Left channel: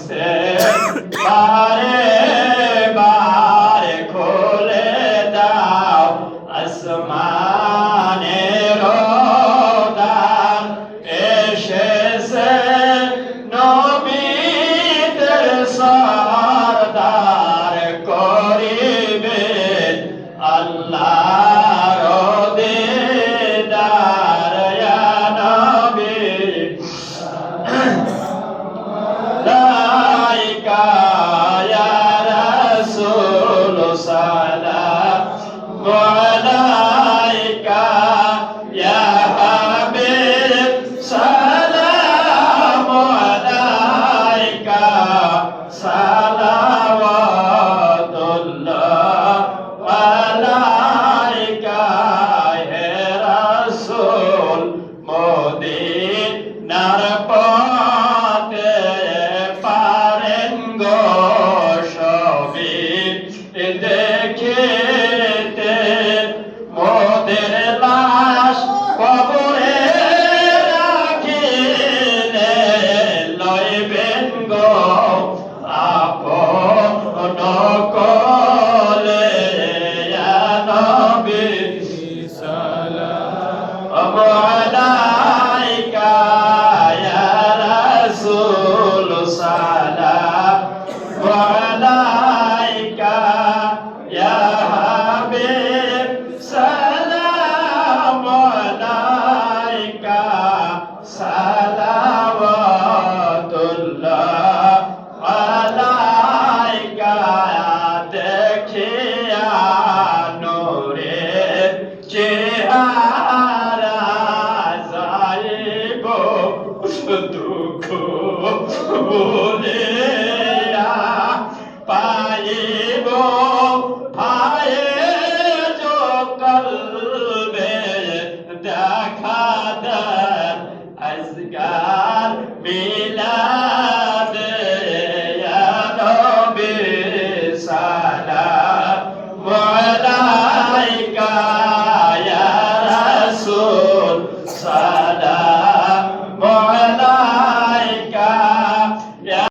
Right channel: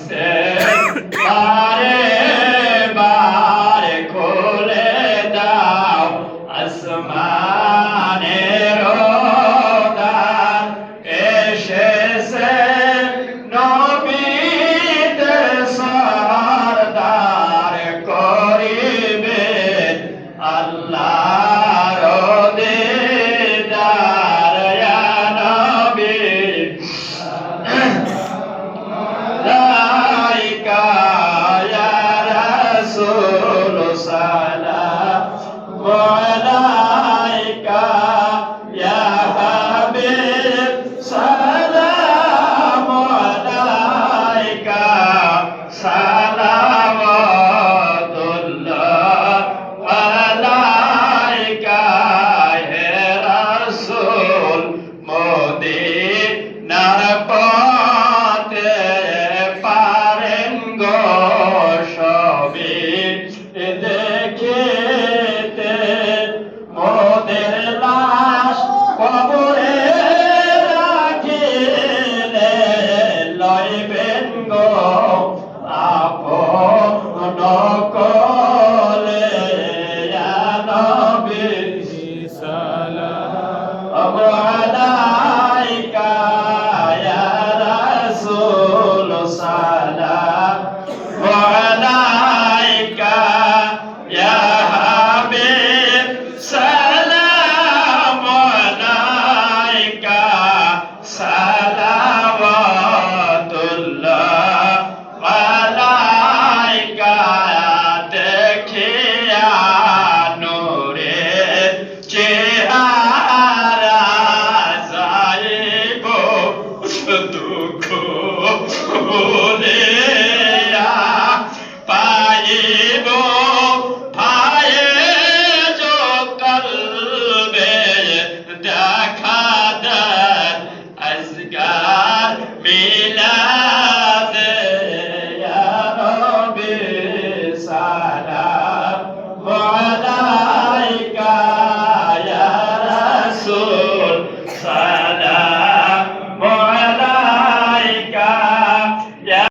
সে বারে বারে খুলে দাও আসমানের দ্বার এসেছে নবীদের সরদার করিবে আল্লাহর দিদার ইয়া নবী লাইকা ইয়া রাসূল সালামু আলাইকা ইয়া হাবিব সালামু আলাইকা সালাওয়াতুল্লাহ আলাইকা হে রাসূল মদিনার পথে পারেন গো সবে দেখিতে মোদের লাশ কবরে রাখিলে লইবেন গো আপন কোলে ইয়া নবী সালাম আলাইকা ইয়া রাসূল সালাম আলাইকা ইয়া হাবিব সালাম আলাইকা সালাওয়াতুল্লাহ